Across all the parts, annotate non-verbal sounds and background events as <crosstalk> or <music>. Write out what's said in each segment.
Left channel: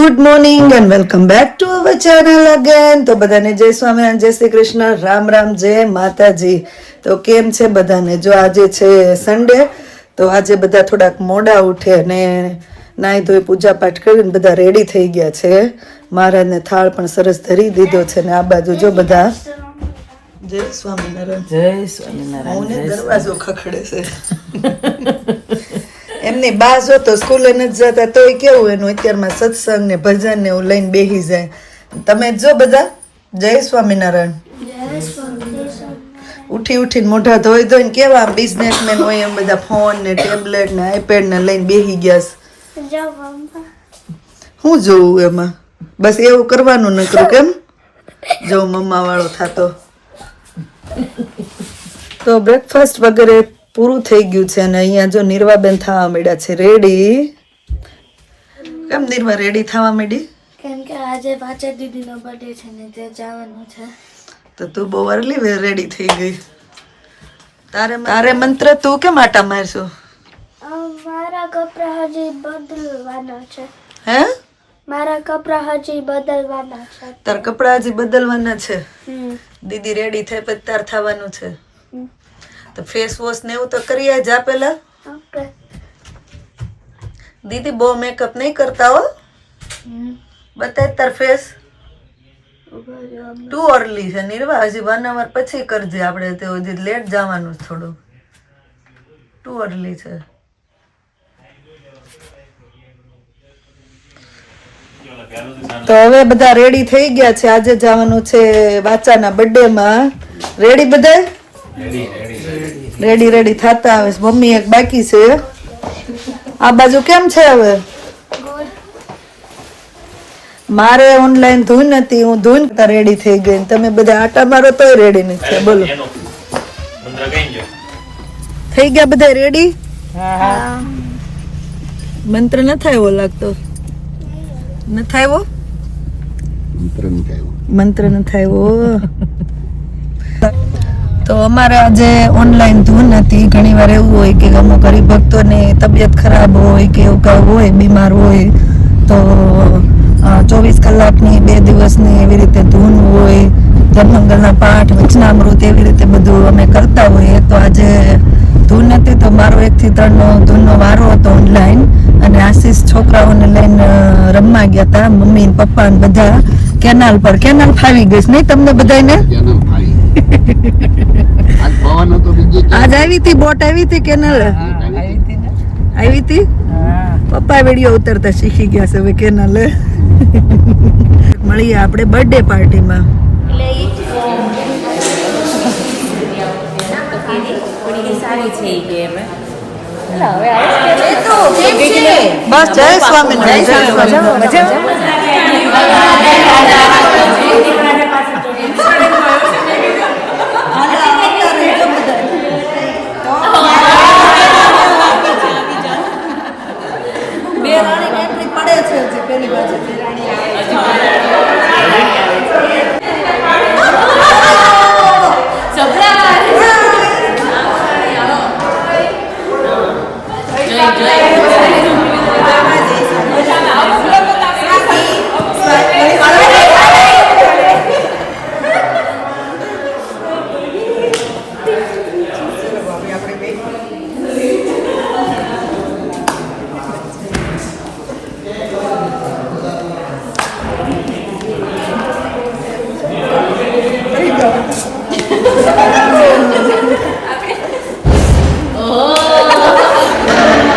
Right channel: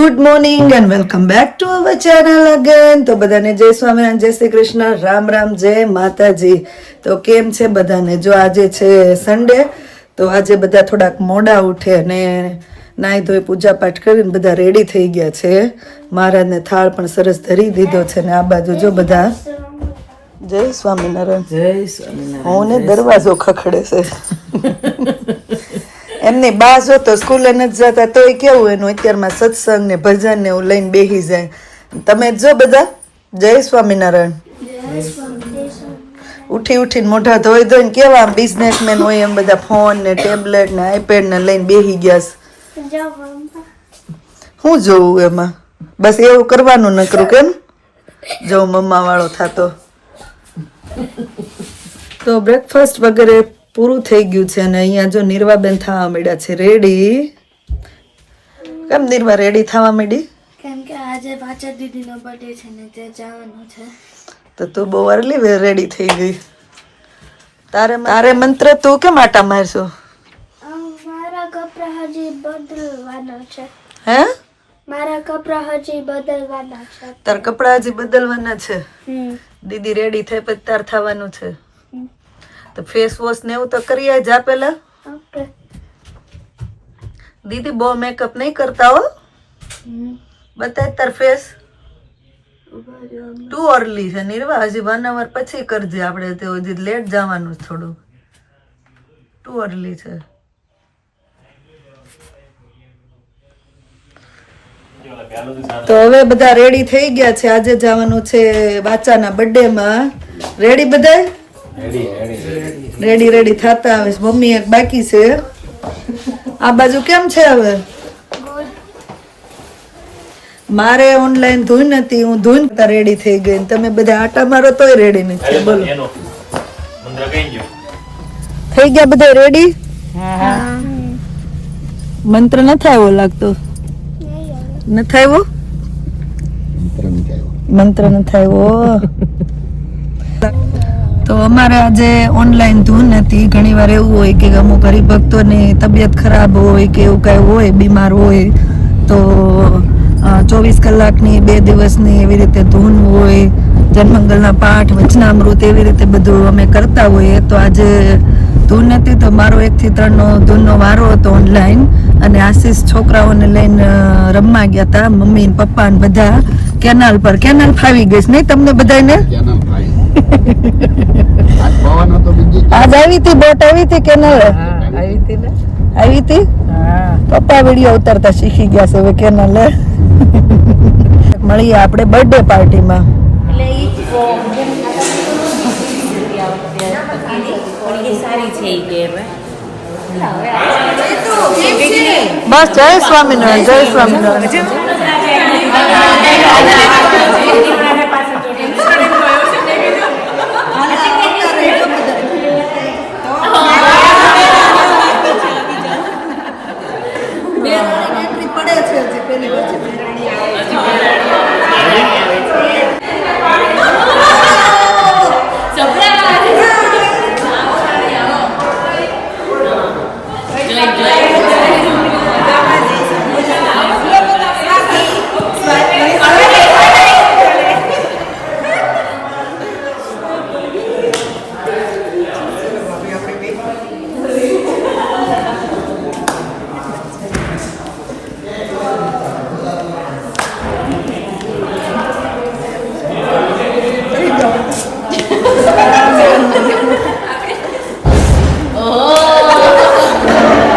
Good morning and welcome back to our channel again તો બધાને જય સ્વામિનારાયણ જય શ્રી કૃષ્ણ. રામ રામ જય માતાજી. તો કેમ છે બધાને? જો આજે છે સન્ડે તો આજે બધા થોડાક મોડા ઉઠે અને નાહી ધોઈ પૂજા પાઠ કરીને બધા રેડી થઈ ગયા છે. મહારાજને થાળ પણ સરસ ધરી દીધો છે ને આ બાજુ જો બધા. જય સ્વામિનારાયણ. જય સ્વામિનારાયણ હું ને દરવાજો ખખડે છે. એમની બા જો તો સ્કૂલે નથી જતા, તોય કેવું એનું? અત્યારમાં સત્સંગ ને ભજન ને એવું લઈને બેસી જાય. તમે જો બધા? જય સ્વામિનારાયણ. ઉઠી ઉઠીને મોઢા ધોઈ ધોઈને કેવા બિઝનેસમેન હોય એમ બધા ફોન ને ટેબ્લેટ ને આઈપેડ ને લઈને બેસી ગયા છે. શું જોવું એમાં? બસ એવું કરવાનું નકરું કેમ? જો મમ્મા વાળો થતો. તો બ્રેકફાસ્ટ વગેરે પૂરું થઈ ગયું છે અને અહીંયા જો નિર્વાબેન થવા માંડ્યા છે. રેડી કેમ નિર્વા રેડી થવા માંડી? કેમ કે આજે પાછળ દીદીનો બર્થડે છે ને તે જવાનું છે. તો તું બહુ અર્લી રેડી થઈ ગઈ. તારે તારે મંત્ર તું કેમ આટા મારશો? મારા કપડા હજી બદલવાના છે. હે? મારા કપડા હજી બદલવાના છે. તાર કપડા હજી બદલવાના છે? દીદી રેડી થઈ પછી તાર થવાનું છે. તો ફેસ વોશ ને એવું તો કરી જ પેલા દીદી બહુ મેકઅપ નહીં કરતા હો. બતાય તાર ફેસ ટુ અર્લી છે નિર્વા. હજી વન અવર પછી કરજે આપણે તે હજી લેટ જવાનું થોડું ટુ અર્લી છે. તો હવે બધા રેડી થઈ ગયા છે. આજે જવાનું છે વાચાના બર્થડે માં. રેડી બધા રેડી રેડી થતા આવે મમ્મી એક બાકી છે. આ બાજુ કેમ છે હવે? મારે ઓનલાઈન ધૂન હતી હું ધૂન રેડી થઈ ગઈ તમે બધા આટા મારો તોય રેડી નથી. થયા બોલો. થઈ ગયા બધા રેડી મંત્ર ન આવ્યો લાગતો? ન આવ્યો? મંત્ર ન આવ્યો. <laughs> તો અમારે આજે ઓનલાઈન ધૂન હતી. ઘણી વાર એવું હોય કે અમુક હરિભક્તોની તબિયત ખરાબ હોય કે એવું કાંઈ હોય, બીમાર હોય, તો ચોવીસ કલાકની બે દિવસની એવી રીતે ધૂન હોય, જન્મંગલના પાઠ, વચનામૃત એવી રીતે બધું અમે કરતા હોઈએ. તો આજે ધૂન હતી તો મારો એકથી ત્રણનો ધૂનનો વારો હતો ઓનલાઈન અને આશીષ છોકરાઓને લઈને રમવા ગયા હતા મમ્મી પપ્પા બધા. કેનાલ પર. કેનાલ ફાવી ગઈ નહીં તમને બધાને આજ આવી હતી બોટ આવી હતી કેનાલ આવી હતી પપ્પા વીડિયો ઉતારતા શીખી ગયા છે હવે કેનાલ મળીએ આપણે બર્થડે પાર્ટીમાં બસ જય સ્વામિનારાયણ. જય સ્વામિનારાયણ પડે છે હજી પેલી બાજુ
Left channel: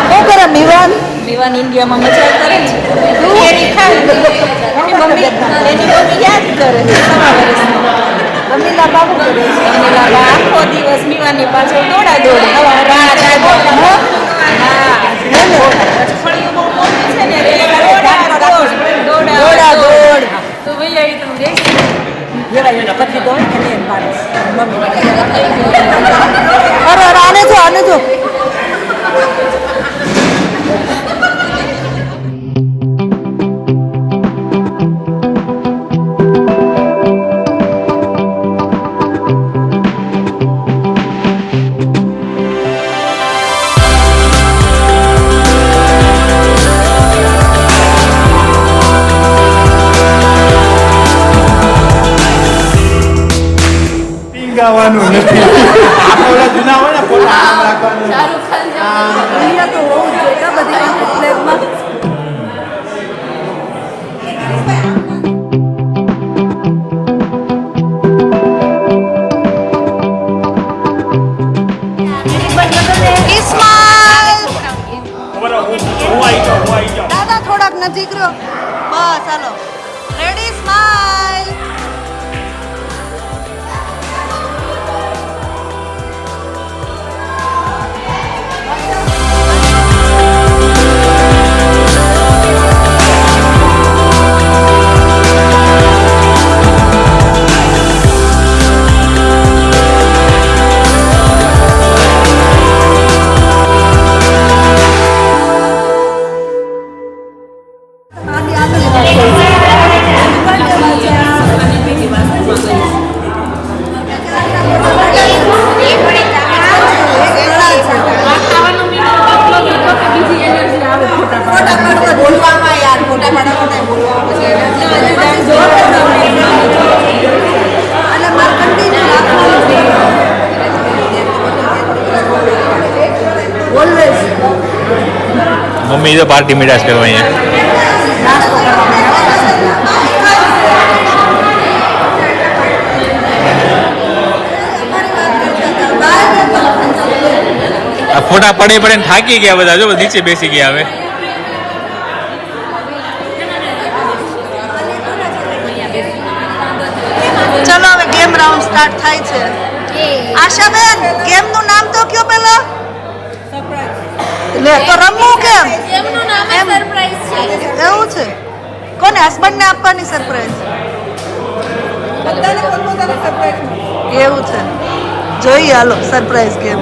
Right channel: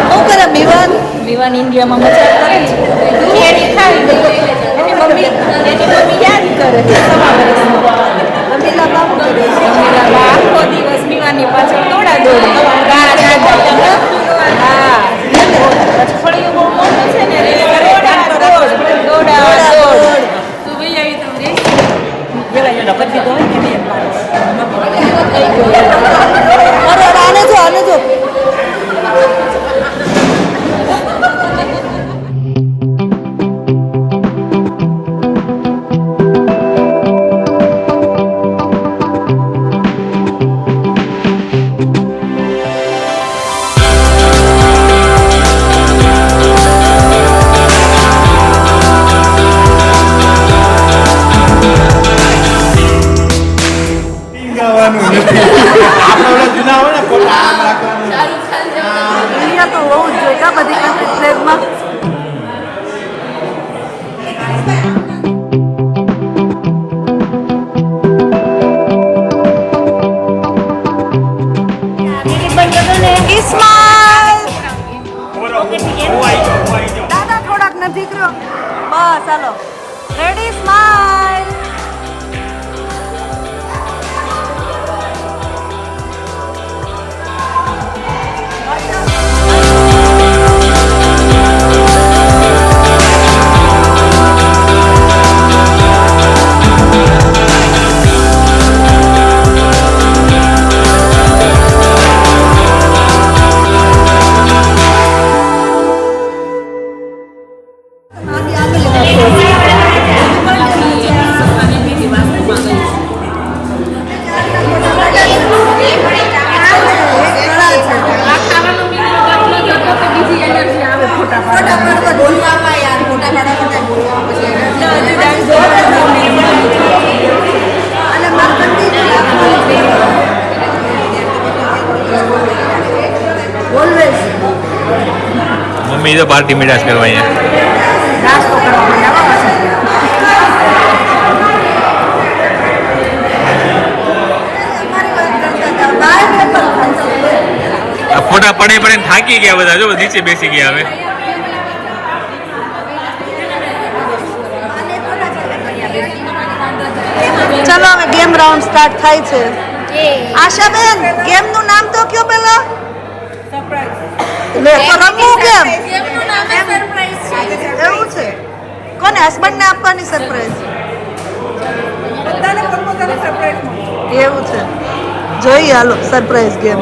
શું કરે મિવાન મિવાન ઇન્ડિયામાં મજા કરે છે એની ખાય એની મમ્મી એની મમ્મી યાદ કરે છે સવા વર્ષમાં અમીલા બાબુ કરે છે અમીલા બા આખો દિવસ મિવાની પાછળ દોડા દોડી બા દાદા ફળિયું બહુ મોટું છે ને દોડા દોડ દોડા દોડ તો ભાઈ આવી તમે જઈશ જેવા એને કરી દીધો હોય એમ મારે આને જો આને જો પાર્ટી કરવા અહીંયા? નાસ્તો કરવા આ ફોટા પડે પડે થાકી ગયા બધા જો નીચે બેસી ગયા હવે. ચલો હવે ગેમ રાઉન્ડ સ્ટાર્ટ થાય છે. આશાબેન ગેમનું નામ તો કયો પેલા લે તો રમવું કેમ? એવું છે? કોને હસબન્ડ ને આપવાની સરપ્રાઈઝ એવું છે. જોઈએ hello surprise game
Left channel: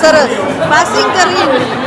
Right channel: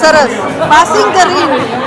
સરસ પાસિંગ ધ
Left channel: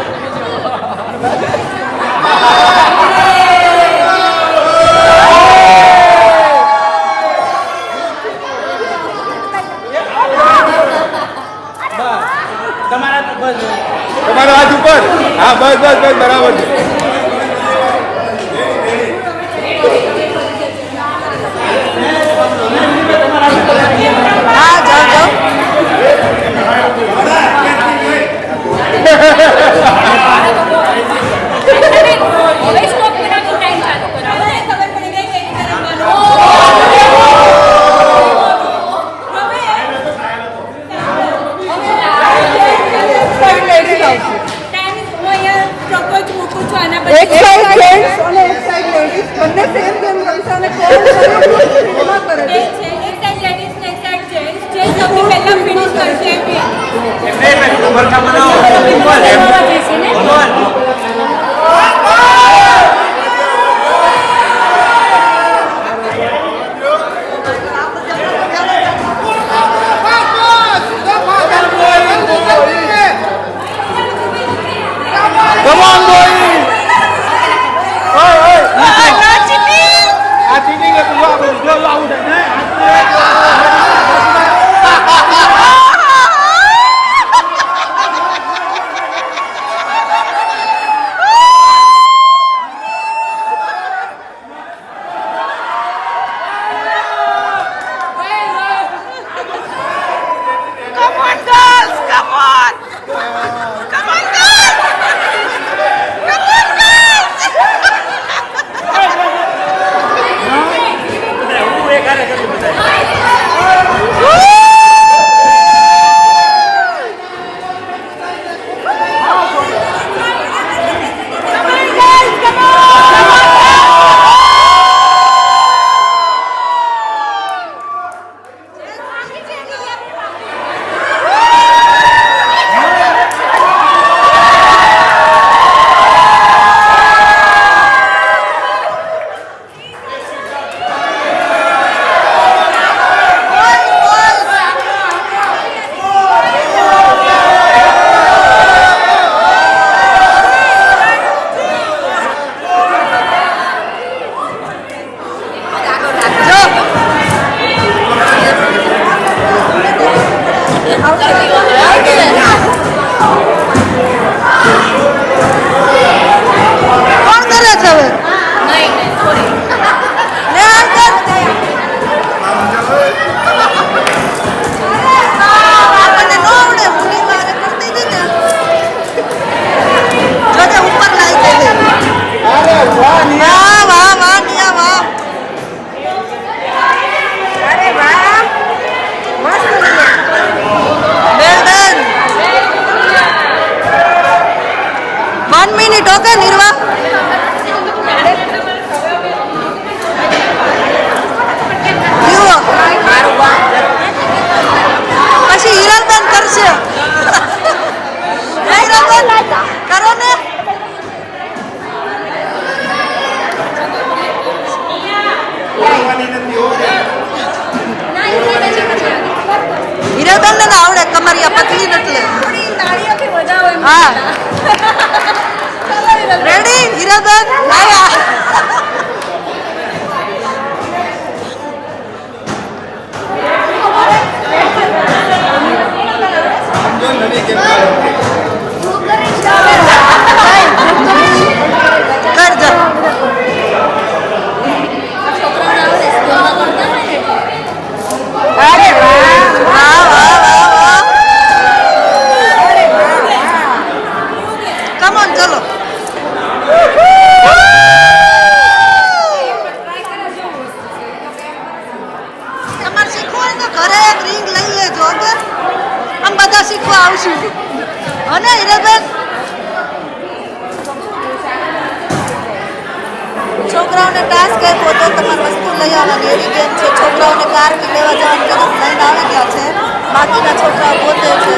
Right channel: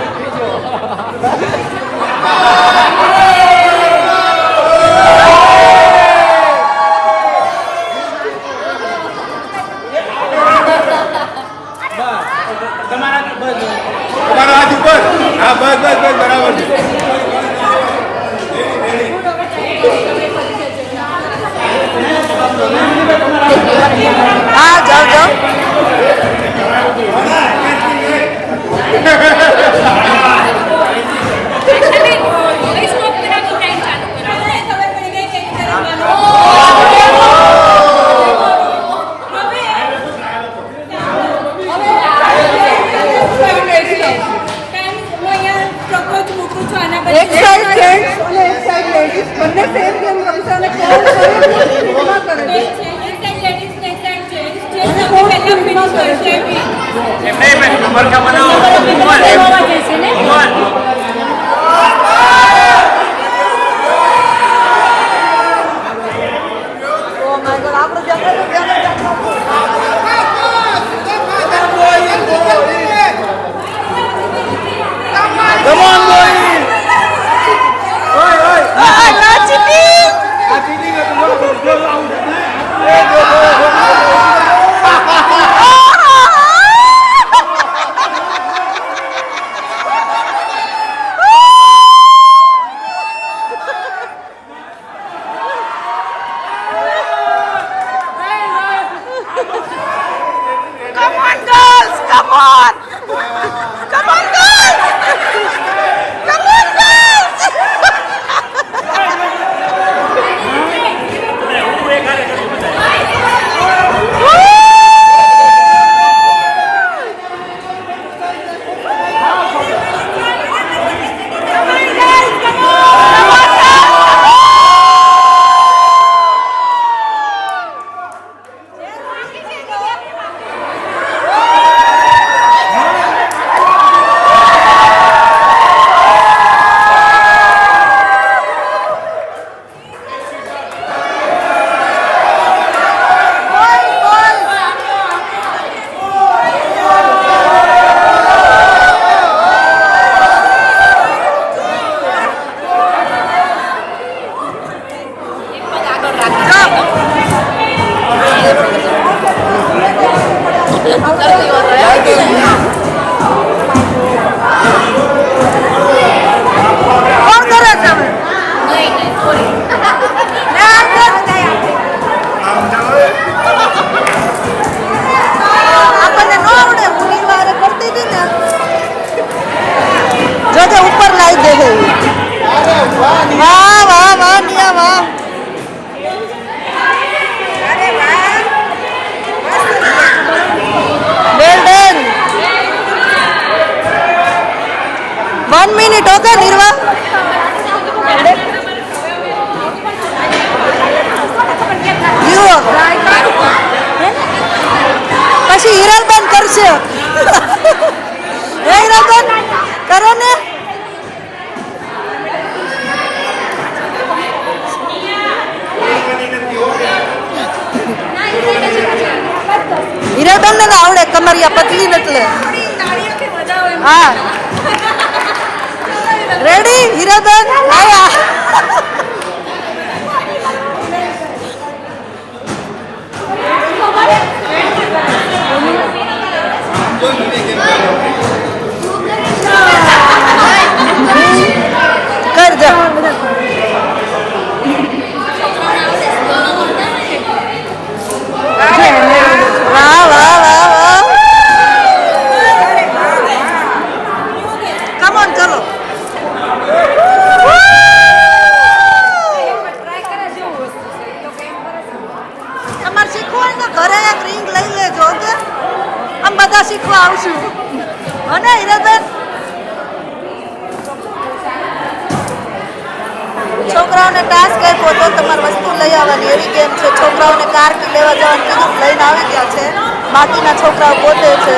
friends on एक साइड लेडीज બંને સેમ ગેમ રમતા અને કોણ સર્વ ફિલ્મમાં કરે છે એક સાઈડ લેડીઝ ને એક સાઈડ જેન્ટ્સ જે સૌથી પહેલા ફિનિશ કરશે એ નંબર કા બનાવો છોકરાઓને ટાસ્ક આપ્યો તો તમારે વસ્તુ લઈ આવવાની. એવી ગેમ છે. છોકરાઓને કાર લેવા જવાનું કીધું લઈને આવી ગયા છે. બાકીના છોકરાઓ પોતે છે.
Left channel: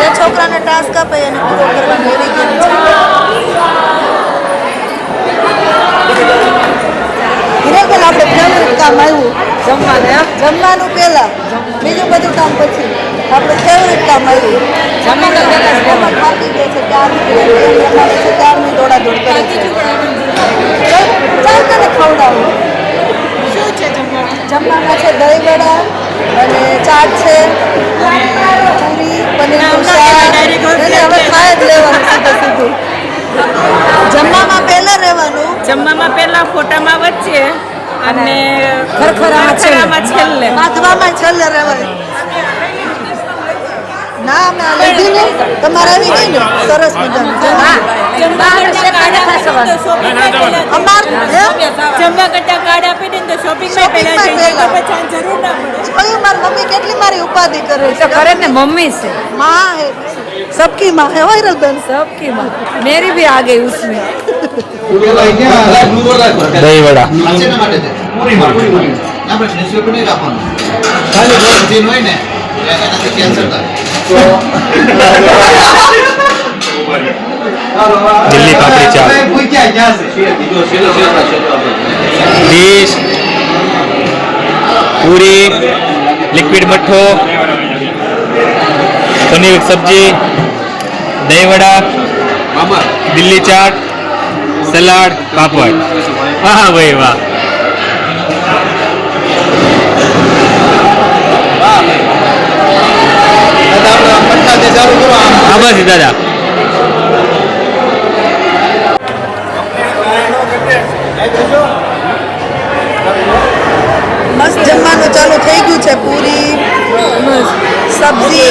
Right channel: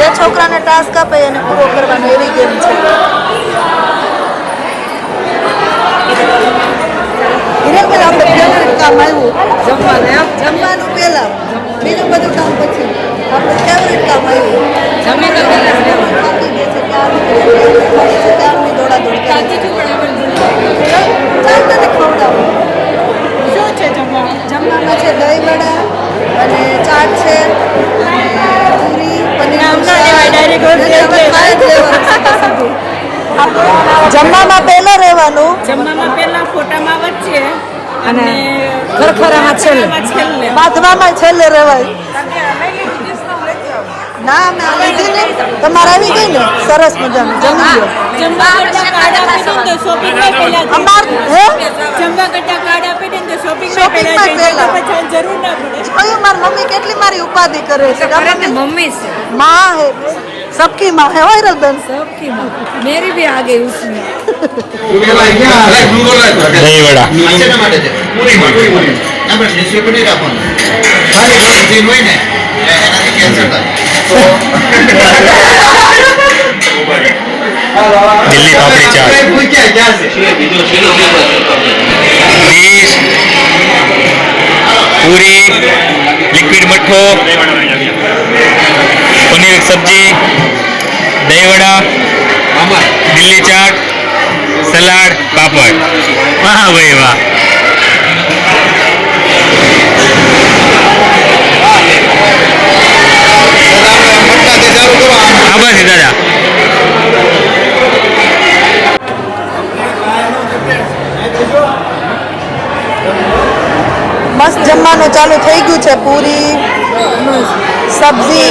જે છોકરાને ટાસ્ક આપે એને પૂરો કરવાનો એવી ગેમ છે. હિરેબેન આપણે ફેવરેટ કામ આવ્યું? જમવાનું જમવાનું પહેલાં. બીજું બધું કામ પછી. આપણે ફેવરિટ કામ આવ્યું. જમી તો પહેલા જ ક્યારની દોડા દોડ ચાલ ચાલ તને ખવડાવું શું છે જમવામાં જમવામાં છે દહીં વડા અને ચાટ છે અને પૂરી હવે ખાઈ જ લેવાનું સીધું સીધું જમવામાં પહેલા રહેવાનું. જમવામાં પહેલા ફોટામાં વચ્ચે અને બાંધવામાં છેલ્લે રહેવાય. ના ના લીધી ને તમારે આવી ગઈ ને સરસ મજાનું જમી લો જમવા કરતા કાર્ડ આપીશું ને તો શોપિંગમાં પહેલા અમાર હે જમવા કરતા કાર્ડ આપી દે ને તો શોપિંગમાં પહેલા શોપિંગમાં જઈ જાય તો પહેલા. પછી જરૂર ના પડે જોયું મારી મમ્મી કેટલી મારી ઉપાધિ કરે છે કરે ને મમ્મી से माँ है सबकी माँ है वायरल बहन सबकी माँ मेरी भी आ गई उसमें દહીં વડા શેના માટે છે? પૂરીમાં. આપણે ડીશી પર દિલ્હી પાપડી ચાટ? ડીશ પૂરી લિક્વિડ મઠ્ઠો પનીર સબ્જી દહીં વડા દિલ્હી ચાટ સલાડ પાપડ. વાહ ભાઈ વાહ. હા બસ દાદા મસ્ત જમવાનું ચાલુ થઈ ગયું છે પૂરી સબ્જી.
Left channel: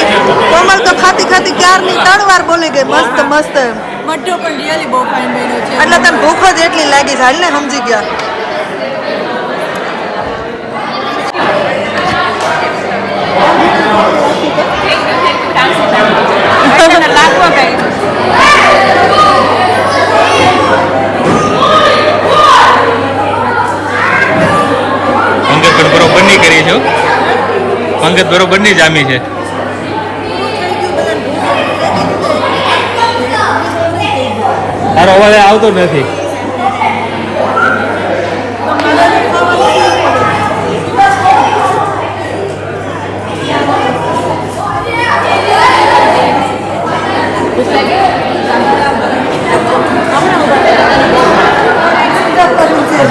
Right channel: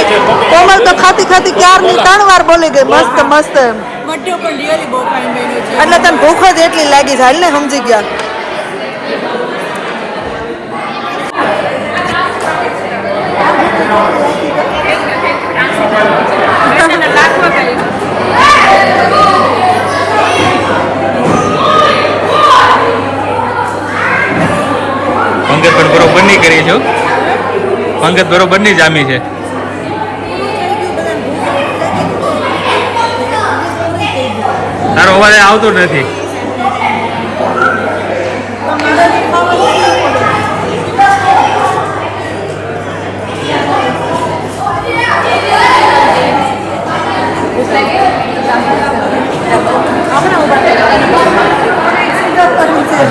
કોમલ તો ખાતી ખાતી ક્યારની ત્રણ વાર બોલી ગઈ મસ્ત મસ્ત. છે. એટલે તને ભૂખ જ એટલી લાગી છે હાલ ને સમજી ગયા. પંગત પણ બરોબર નહીં કરી છો? પંગત બરોબર નહીં જામી છે. તારો અવાજ આવતો નથી.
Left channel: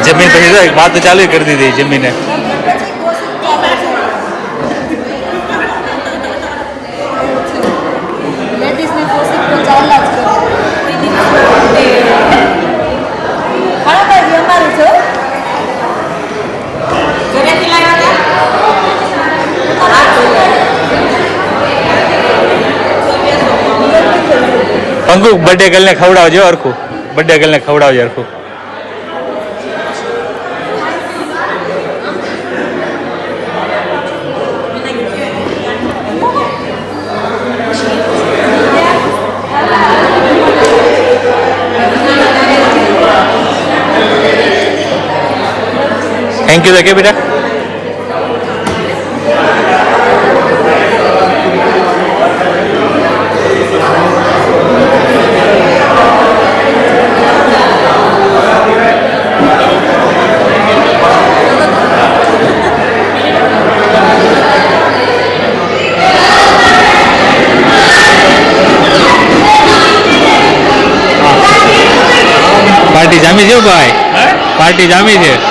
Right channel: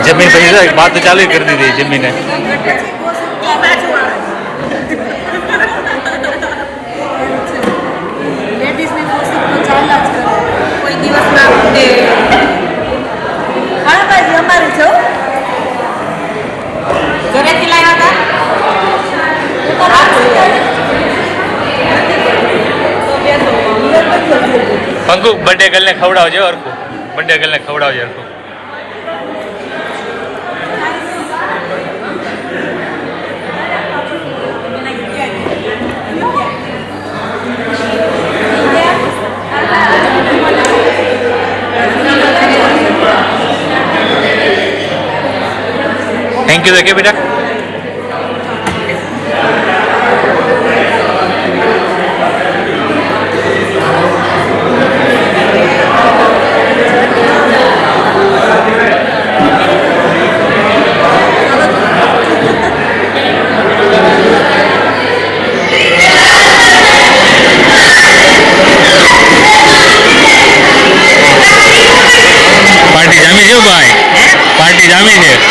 જમીન પછી તો વાત ચાલુ કરી દીધી જમીને. ચાલ્યા જ કરે કોઈ દિવસ હા ભાઈ અમારી છો ઘરેથી લાવ્યા પંગુ બર્થડે ગર્લને ખવડાવજો અરખું બર્થડે ગર્લને ખવડાવજો અરખું થેન્ક યુ તો કે પાર્ટી જામી છે.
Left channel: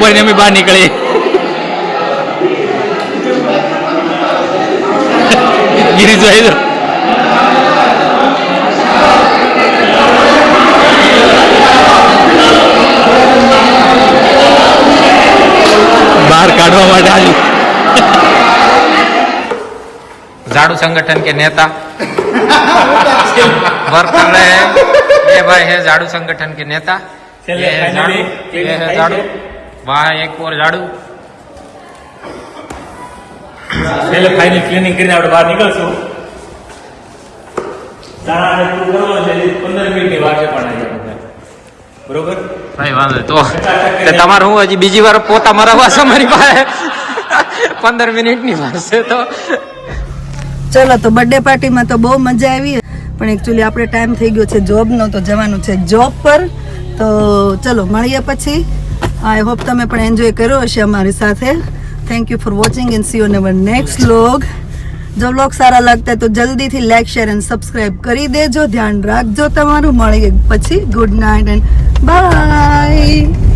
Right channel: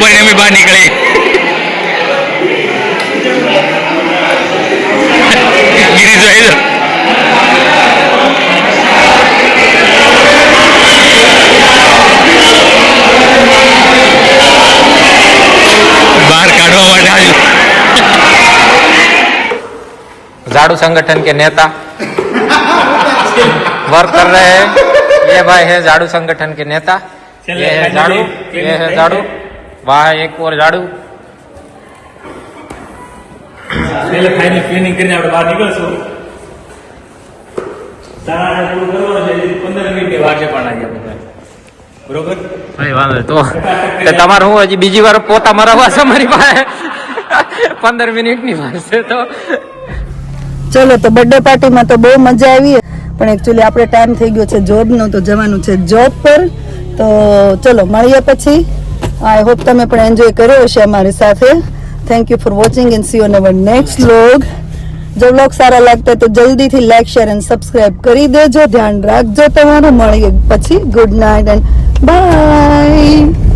લોક ભરીને અમે બહાર નીકળી ગિરીશભાઈ તો બહાર કાઢવા માટે આવ્યું झाड़ू संगठन के नेता वर्क कर रहे हैं ये भाई है झाड़ू संगठन के नेता ये है झाड़ू ये है झाड़ू વાહ એક ઓર ઝાડુ ક્લિનિંગ કરીને આપણે બહાર નીકળશું. તમારે હું હજી બીજી વાર પોતા મરાવવા છે મારી પાસે? પંદર મિનિટની છે તો. ચલો તો બર્થડે પાર્ટીમાં તો બહુ મજા આવી. પણ એકચ્યુઅલી આપણે ટાઈમ થઈ ગયો છે જોબ જોબનો તો જવાનું છે જોબ પર. તો ચલો મળીએ પછી. આઈ હોપ તમે પણ એન્જોય કર્યો હશે અમારી સાથે. Thank you for watching and see on our next vlog જો વ્લોગ સારા લાગતા તો જલ્દીથી લાઈક શેર એન્ડ સબસ્ક્રાઇબ કરી દેજો. ધ્યાન રાખજો તમારું. મળીએ પછી. Good night and by